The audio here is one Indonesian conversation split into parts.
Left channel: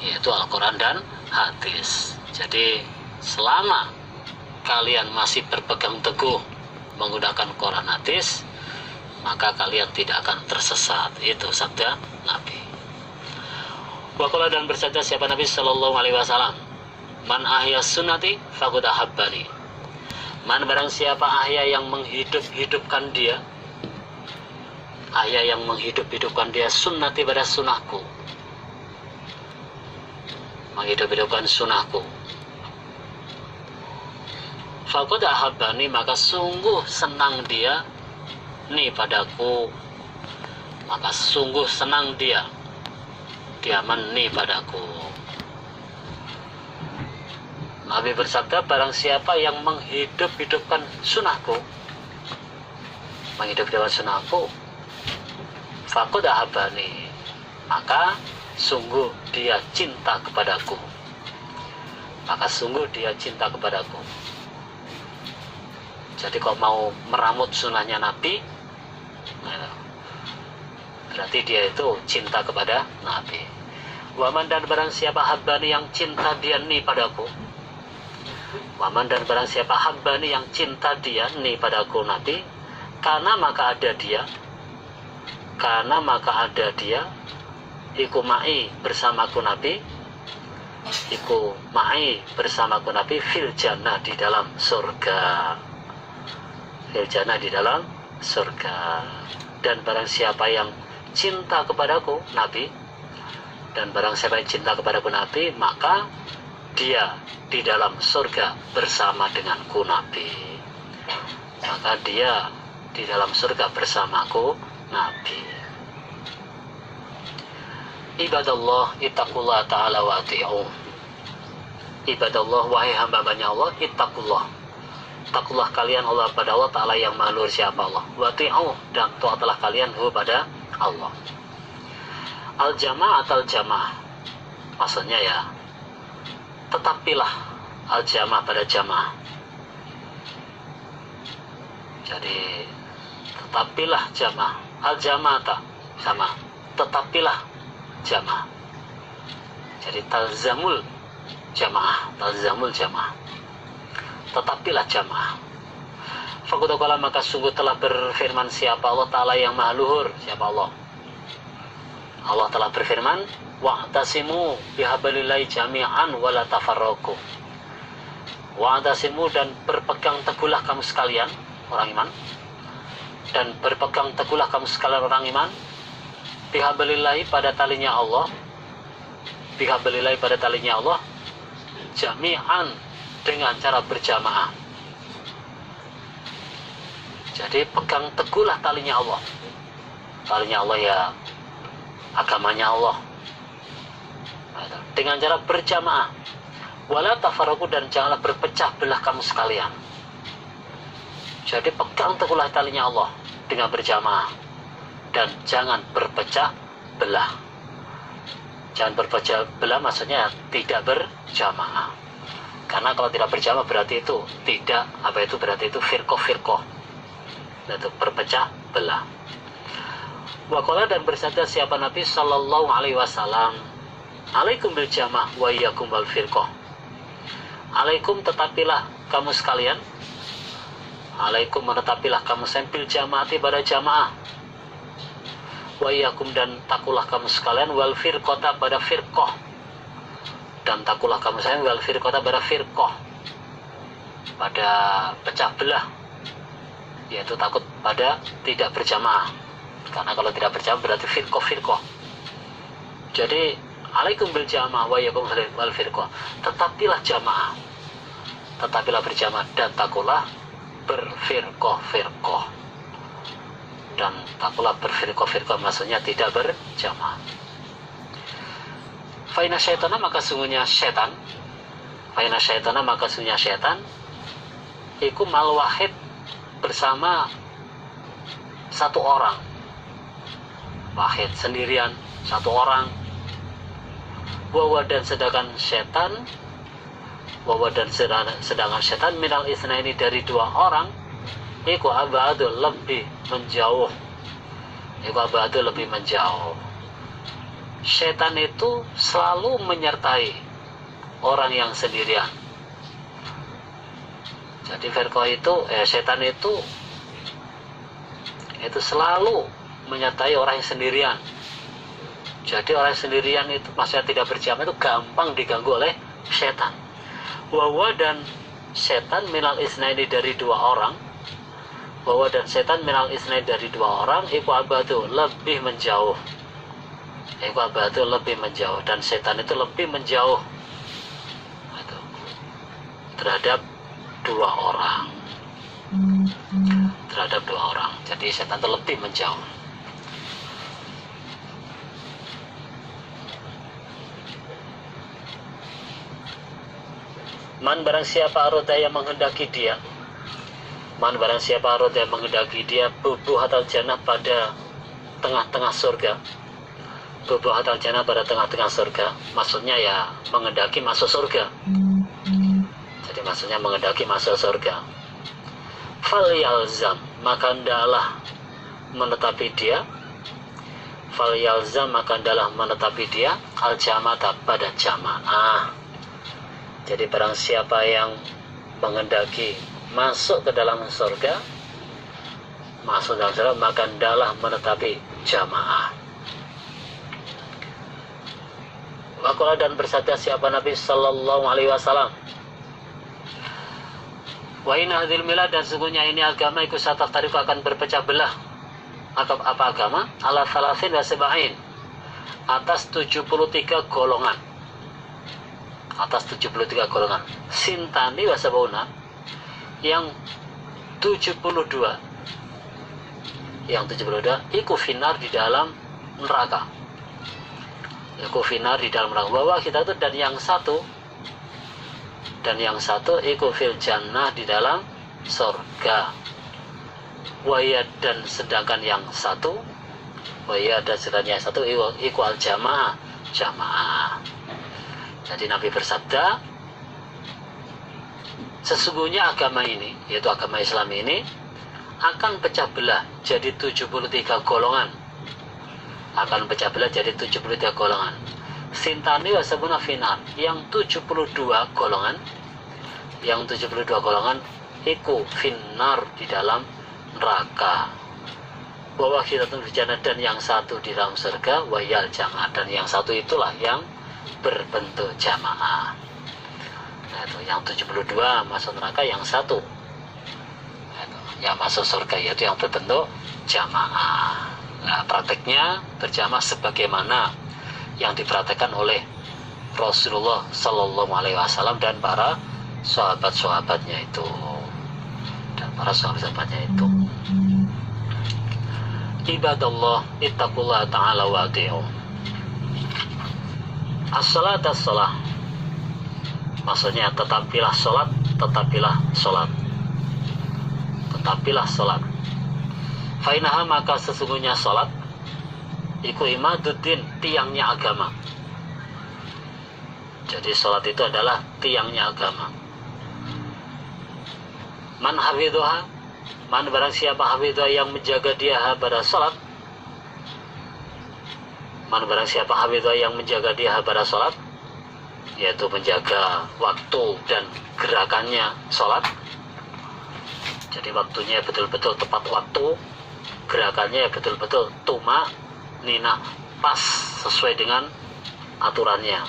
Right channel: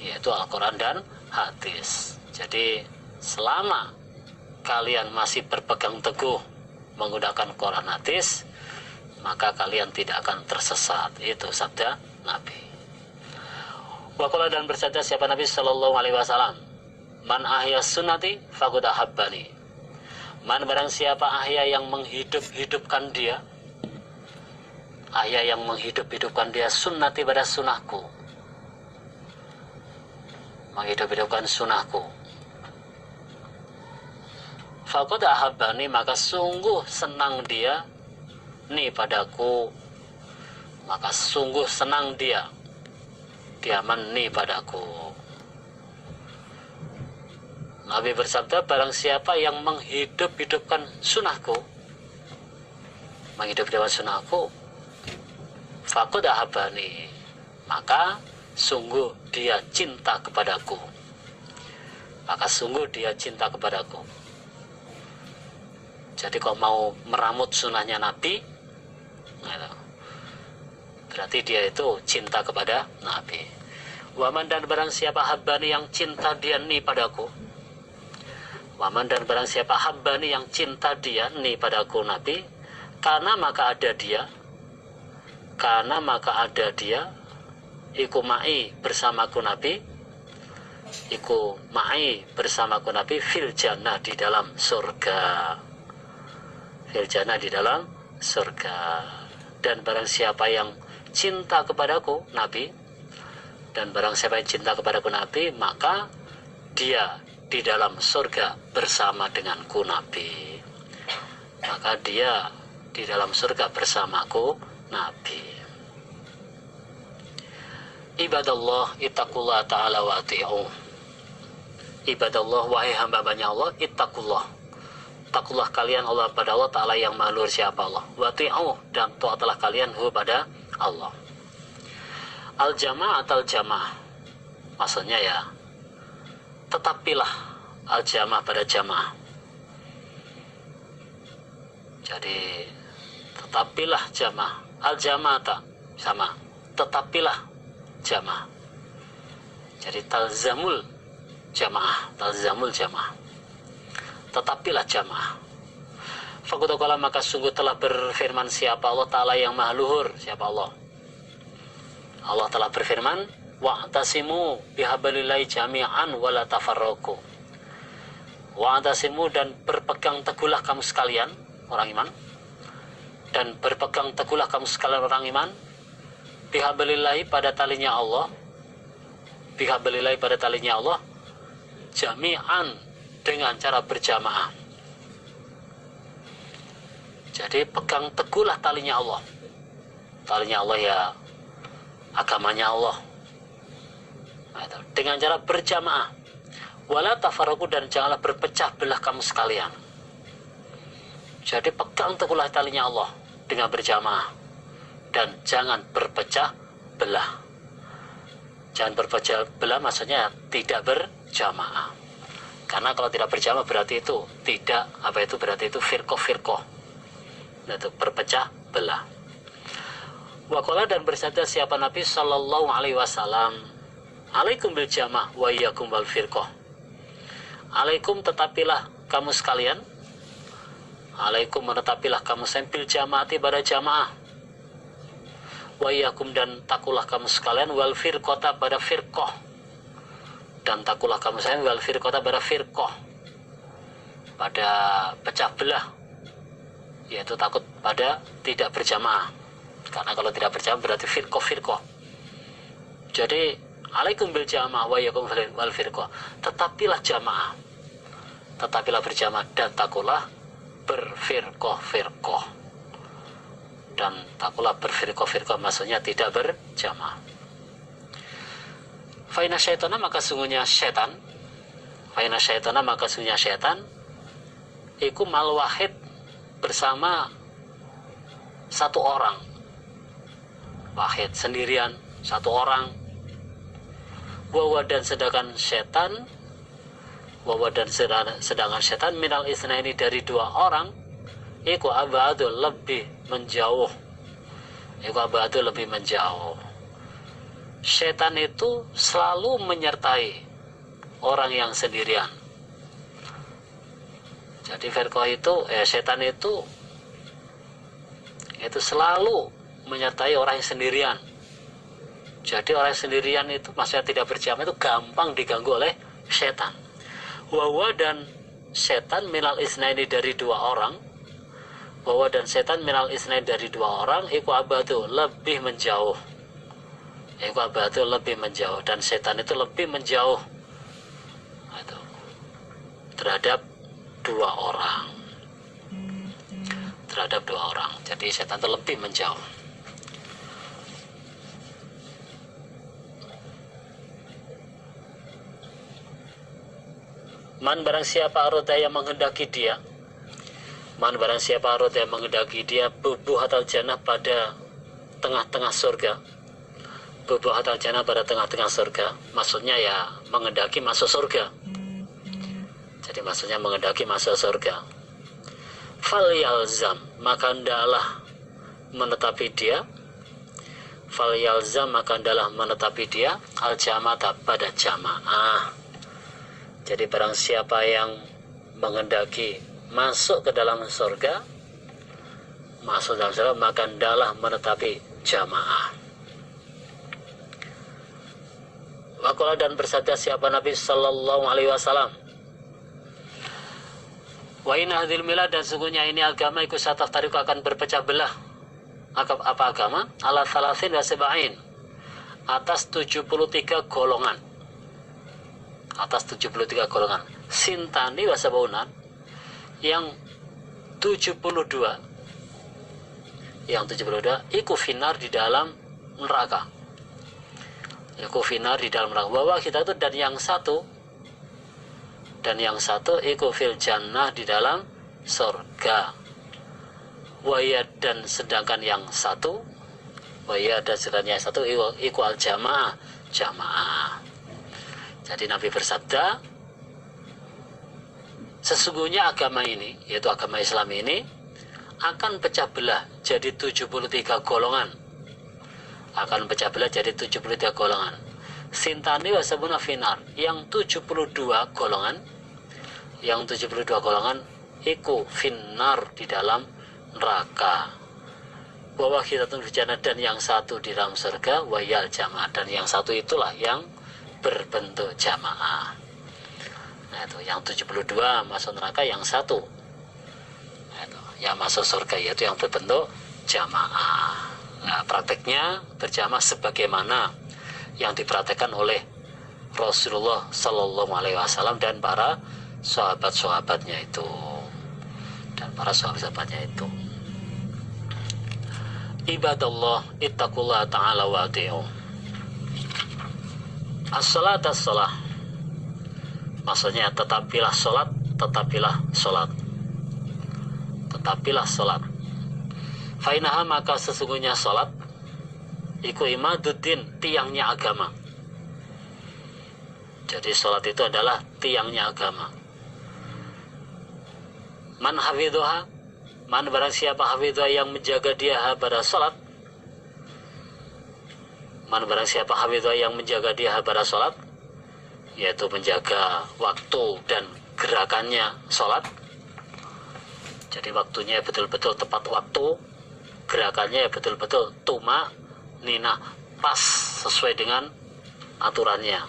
yaitu Al-Quran dan hadis. Jadi selama kalian masih berpegang teguh menggunakan Quran hadis, maka kalian tidak akan tersesat. Itu sabda Nabi. Waqala, dan bersabda siapa Nabi Sallallahu Alaihi Wasallam, man ahya sunnati faqad ahabbani. Man, barang siapa ahya yang menghidup-hidupkan dia, ahya yang menghidup-hidupkan dia sunnati pada sunnahku, menghidup-hidupkan sunnahku, faqad ahabbani, maka sungguh senang dia ni padaku, maka sungguh senang dia ni padaku. Nabi bersabda, barang siapa yang menghidup-hidupkan sunnahku, menghidup-hidupkan sunnahku, faqad ahabbani, maka sungguh dia cinta kepadaku, maka sungguh dia cinta kepadaku. Jadi kalau mau meramut sunnahnya Nabi, berarti dia itu cinta kepada Nabi. Waman, dan barang siapa habbani, yang cinta dia ni padaku, waman, dan barang siapa habbani, yang cinta dia ni padaku Nabi, karena maka ada dia, iku ma'i bersamaku Nabi, iku ma'i bersamaku Nabi, fil jannah, di dalam surga, fil jannah, di dalam surga. Dan barang siapa yang cinta kepadaku Nabi, dan barang siapa yang cinta kepadaku Nabi, maka dia di dalam surga bersama denganku Nabi, maka dia di dalam surga bersamaku Nabi. Ibadallah, ittaqullah ta'ala wa ati'u. Ibadallah, wahai hamba-hambanya Allah, ittaqullah, takullah kalian Allah pada Allah Ta'ala yang maha luhur siapa Allah, wa ati'u, dan taatlah kalian hu pada Allah. Al-jamaah atau jamaah, maksudnya ya, tetapilah al-jamaah pada jamaah. Jadi tetapilah jamaah, al-jamaah sama tetapilah jamaah. Jadi talzamul jamaah, tetapilah jamaah. Faqad, maka sungguh telah berfirman siapa Allah Ta'ala yang maha luhur siapa Allah. Allah telah berfirman, wa'tasimu bihablillahi jami'an wa la tafarraqu. Wa'tasimu, dan berpegang teguhlah kamu sekalian orang iman, dan berpegang teguhlah kamu sekalian orang iman, bihablillahi, pada talinya Allah, bihablillahi, pada talinya Allah, jami'an, dengan cara berjamaah. Jadi pegang teguhlah talinya Allah. Talinya Allah ya agamanya Allah, dengan cara berjamaah. Wala tafarraqu, dan janganlah berpecah belah kamu sekalian. Jadi pegang teguhlah talinya Allah dengan berjamaah, dan jangan berpecah belah. Jangan berpecah belah maksudnya tidak berjamaah. Karena kalau tidak berjamaah berarti itu tidak, berarti itu firqah, itu berpecah belah. Waqala, dan bersabda siapa Nabi Sallallahu Alaihi Wasallam, alaikum bil jamaah wa iyyakum wal firqah. Alaikum, tetapilah kamu sekalian, alaikum, menetapilah kamu bil jamaati, pada jamaah, wa iyyakum, dan takulah kamu sekalian, wal firqata, pada firqah, dan takulah kamu sekalian, wal firqata, pada firqah, pada pecah belah, yaitu takut pada tidak berjamaah. Karena kalau tidak berjamaah berarti firqah. Jadi alaikum bil jamaah wa iyyakum wal firqah, tetapilah jamaah, tetapilah berjamaah, dan takulah berfirqah, dan takulah berfirqah, maksudnya tidak berjamaah. Fa inna syaitana, maka sungguhnya syaitan, iku mal wahid, bersama satu orang, wahid sendirian, satu orang, wawa, dan sedangkan setan, minal isnaini, dari dua orang, iku abadu, lebih menjauh, setan itu selalu menyertai orang yang sendirian. Jadi firqah itu, setan itu selalu menyertai orang yang sendirian. Jadi orang yang sendirian itu, maksudnya tidak berjamaah, itu gampang diganggu oleh setan. Wawa dan setan minal isnaini dari dua orang. Wawa dan setan minal isnaini dari dua orang. Iku abadu lebih menjauh. Iku abadu lebih menjauh. Dan setan itu lebih menjauh terhadap dua orang. Terhadap dua orang. Jadi setan itu lebih menjauh. Man barang siapa arada yang menghendaki dia, man barang siapa arada yang menghendaki dia bubuhatal jannah pada tengah-tengah surga. Bubuhatal jannah pada tengah-tengah surga, maksudnya ya menghendaki masuk surga. Jadi maksudnya menghendaki masuk surga. Fal yalzam, maka hendaklah menetapi dia. Fal yalzam, maka hendaklah menetapi dia al jamaah pada jamaah. Jadi barang siapa yang menghendaki masuk ke dalam surga, maka hendaklah menetapi jamaah. Waqala dan bersabda siapa Nabi Sallallahu Alaihi Wasallam, wa inna hadhil milad, dan sungguhnya ini agama ikut satafariku akan berpecah belah. Apa agama? Ala thalathin wa sab'in, atas 73 golongan. Atas 73 golongan. Sintani wa sab'una, yang 72, yang 72 iku finar di dalam neraka. Iku finar di dalam neraka. Bahwa kita itu, dan yang satu iku fil jannah di dalam surga. Waya, dan sedangkan yang satu, waya, dan sedangkan yang satu iku al jamaah, jamaah. Jadi Nabi bersabda, sesungguhnya agama ini, yaitu agama Islam ini, akan pecah belah jadi 73 golongan. Akan pecah belah jadi 73 golongan. Sintani wasabuna finar, yang 72 golongan, yang 72 golongan iku finar di dalam neraka. Bahwa kita tunggu, dan yang satu di dalam surga, wayal jamaah, dan yang satu itulah yang berbentuk jamaah. Nah, itu yang 72 masuk neraka, yang satu yang masuk surga, yaitu yang berbentuk jamaah. Nah, prakteknya berjamaah sebagaimana yang dipraktekkan oleh Rasulullah Sallallahu Alaihi Wasallam dan para sahabat-sahabatnya itu, Ibadallah ittaqullah ta'ala wa ati'u. As-salat as-salah, maksudnya tetapilah sholat, tetapilah sholat, tetapilah sholat. Fainaha, maka sesungguhnya sholat iku imaduddin, tiangnya agama. Jadi sholat itu adalah tiangnya agama. Man hafidhuha, man barang siapa hafidhuha, yang menjaga dia pada sholat. Man barang siapa hafidhuha, yang menjaga dia pada sholat, yaitu menjaga waktu dan gerakannya sholat. Jadi waktunya betul-betul tepat waktu, gerakannya betul-betul tuma nina, pas sesuai dengan aturannya.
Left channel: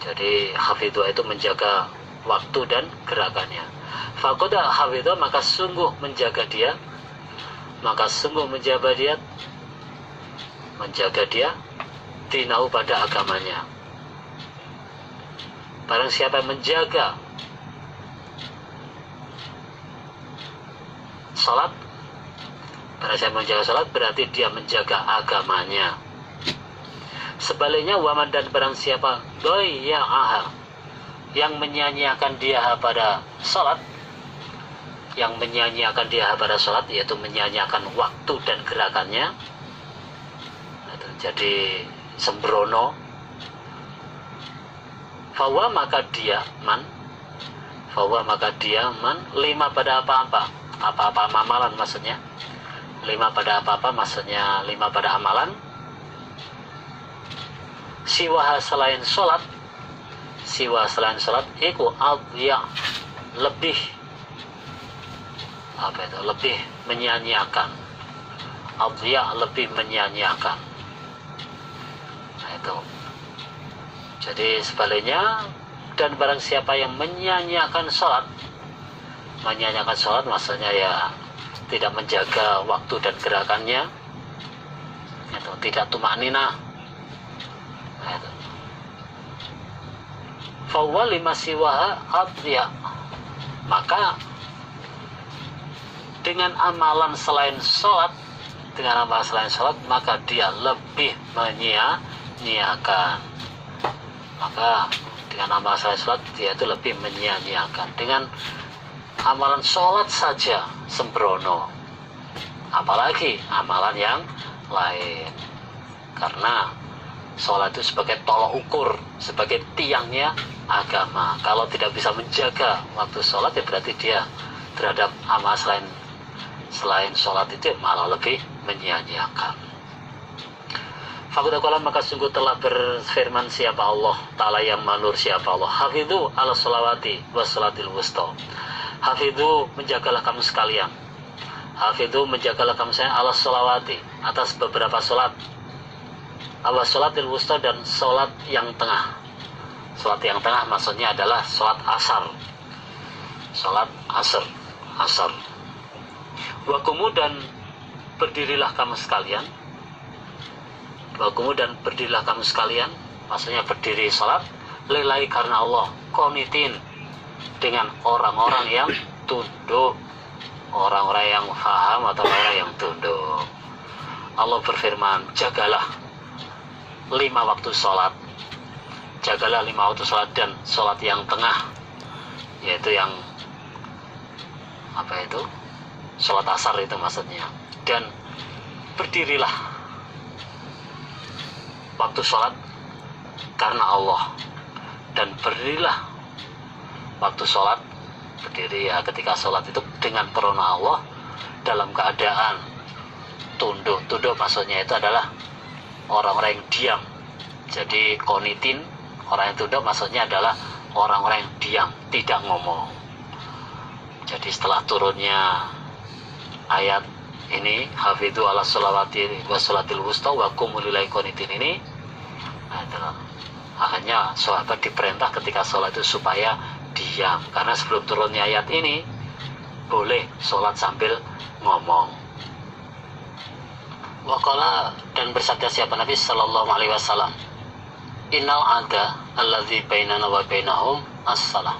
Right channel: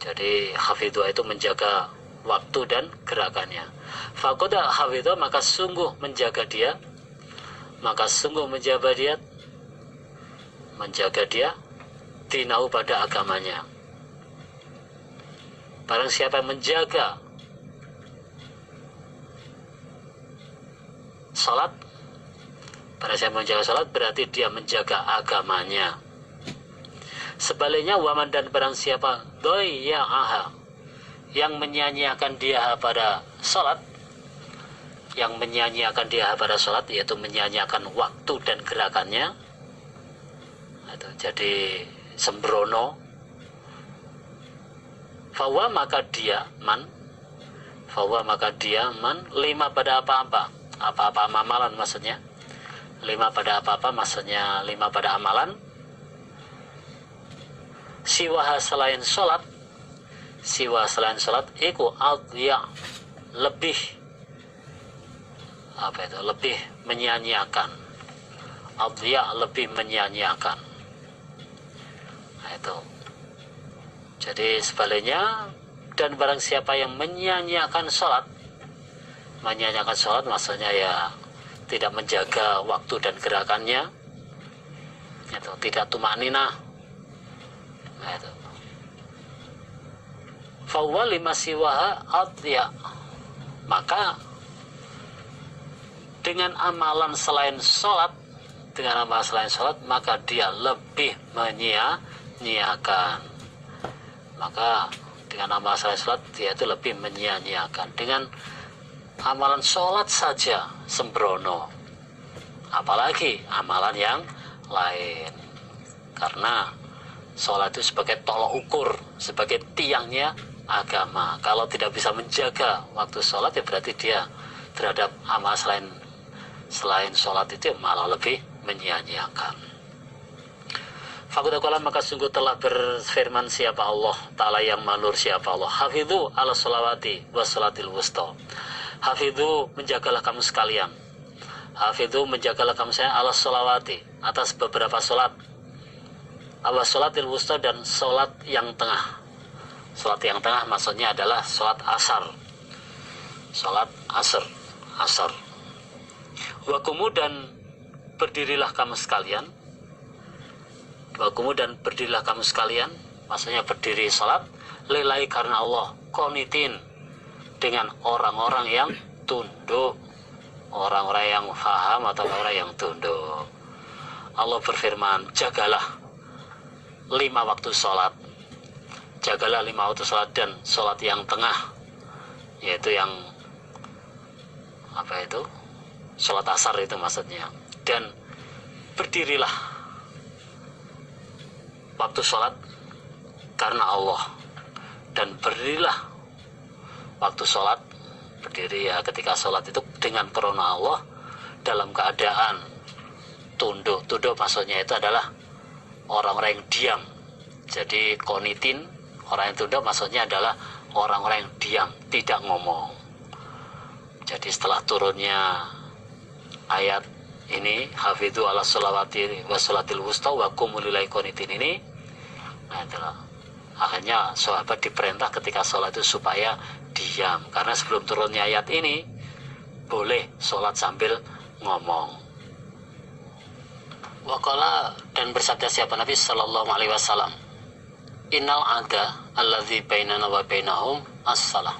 Jadi hafidhuha itu menjaga waktu dan gerakannya. Fakoda hafidhuha, maka sungguh menjaga dia, menjaga dia dinahu pada agamanya. Barang siapa yang menjaga salat, barang siapa menjaga salat, berarti dia menjaga agamanya. Sebaliknya, waman, dan barang siapa doya'aha, yang menyanyiakan dia pada salat, yang menyanyiakan dia pada salat, yaitu menyanyiakan waktu dan gerakannya, jadi sembrono. Fawa, maka dia man, lima pada apa-apa amalan, maksudnya lima pada apa-apa, maksudnya lima pada amalan. siwaha selain sholat, siwa selain sholat iku adhiya, lebih lebih menyanyiakan. Adhiya, lebih menyanyiakan. Nah, itu. Jadi sebaliknya, dan barang siapa yang menyanyiakan sholat maksudnya ya tidak menjaga waktu dan gerakannya, itu tidak tumanina. Nah, itu. Fahuwa lima siwaha adhiya, maka dengan amalan selain sholat, maka dia lebih menyia-nyiakan. Maka dengan amalan selain sholat dia itu lebih menyia-nyiakan. Dengan amalan sholat saja sembrono, apalagi amalan yang lain. Karena sholat itu sebagai tolok ukur, sebagai tiangnya agama. Kalau tidak bisa menjaga waktu sholat, ya berarti dia terhadap amal selain sholat itu malah lebih menyia-nyiakan. Fakudakola, maka sungguh telah berfirman siapa Allah Ta'ala yang manur, siapa Allah, hafidhu ala sholawati wa sholatil wusta. Hafidhu, menjagalah kamu sekalian. Hafidhu, menjagalah kamu sekalian ala sholawati, atas beberapa sholat. Ala sholatil wusta, dan sholat yang tengah. Sholat yang tengah maksudnya adalah sholat asar. Sholat asar. Wakumu, dan berdirilah kamu sekalian. Wakumu, dan berdirilah kamu sekalian, maksudnya berdiri sholat lillahi, karena Allah, qanitin, dengan orang-orang yang tunduk, orang-orang yang faham atau orang yang tunduk. Allah berfirman, jagalah 5 waktu sholat, jagalah 5 waktu sholat, dan sholat yang tengah, yaitu yang sholat asar itu maksudnya. Dan berdirilah waktu sholat karena Allah, dan berdirilah waktu sholat, berdiri ya ketika sholat itu dengan karena Allah, dalam keadaan tunduk maksudnya itu adalah orang-orang yang diam. Jadi qanitin, orang yang tunduk maksudnya adalah orang-orang yang diam, tidak ngomong. Jadi setelah turunnya ayat ini, hafidhu ala sholawati wa sholatil wusta wa qumu lillahi qanitin ini, akhirnya sahabat diperintah ketika sholat itu supaya diam, karena sebelum turunnya ayat ini boleh sholat sambil ngomong. Waqala, dan bersabda siapa Nabi sallallahu alaihi wasallam, innal ada alladzi bainana wa bainahum as-salah.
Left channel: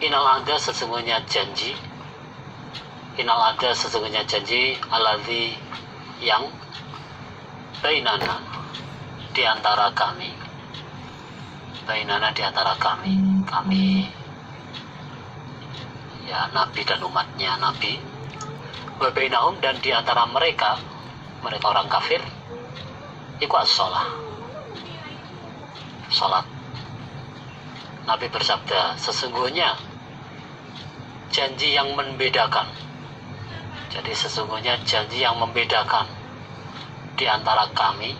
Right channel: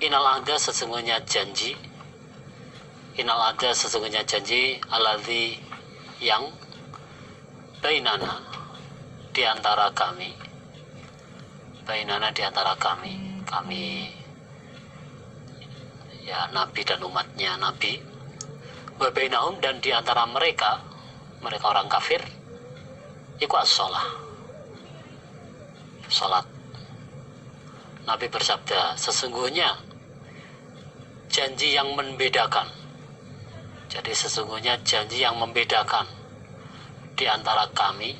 Innal ada, sesungguhnya janji, alladzi, yang bainana, di antara kami, kami ya Nabi dan umatnya Nabi, wa bainahum, dan di antara mereka orang kafir, iku as-shalah, salat. Nabi bersabda, sesungguhnya janji yang membedakan. Jadi sesungguhnya janji yang membedakan di antara kami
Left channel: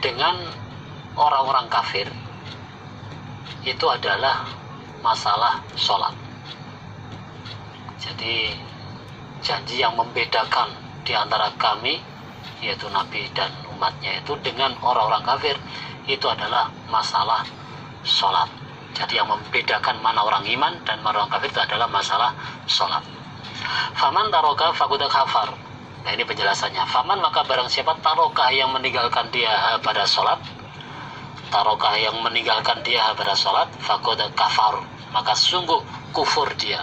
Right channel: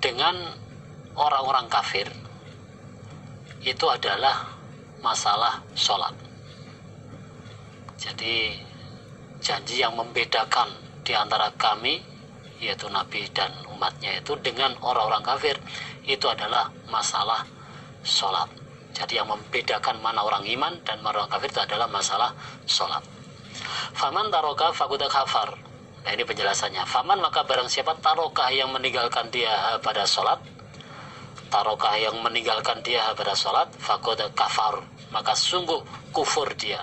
dengan orang-orang kafir itu adalah masalah sholat. Jadi janji yang membedakan di antara kami, yaitu Nabi dan umatnya itu, dengan orang-orang kafir itu adalah masalah sholat. Jadi yang membedakan mana orang iman dan mana orang kafir itu adalah masalah sholat. Faman taroka fakuda kafar. Nah, ini penjelasannya. Faman, maka barang siapa taroka, yang meninggalkan dia pada sholat, taroka, yang meninggalkan dia pada sholat, fakuda kafar, maka sungguh kufur dia.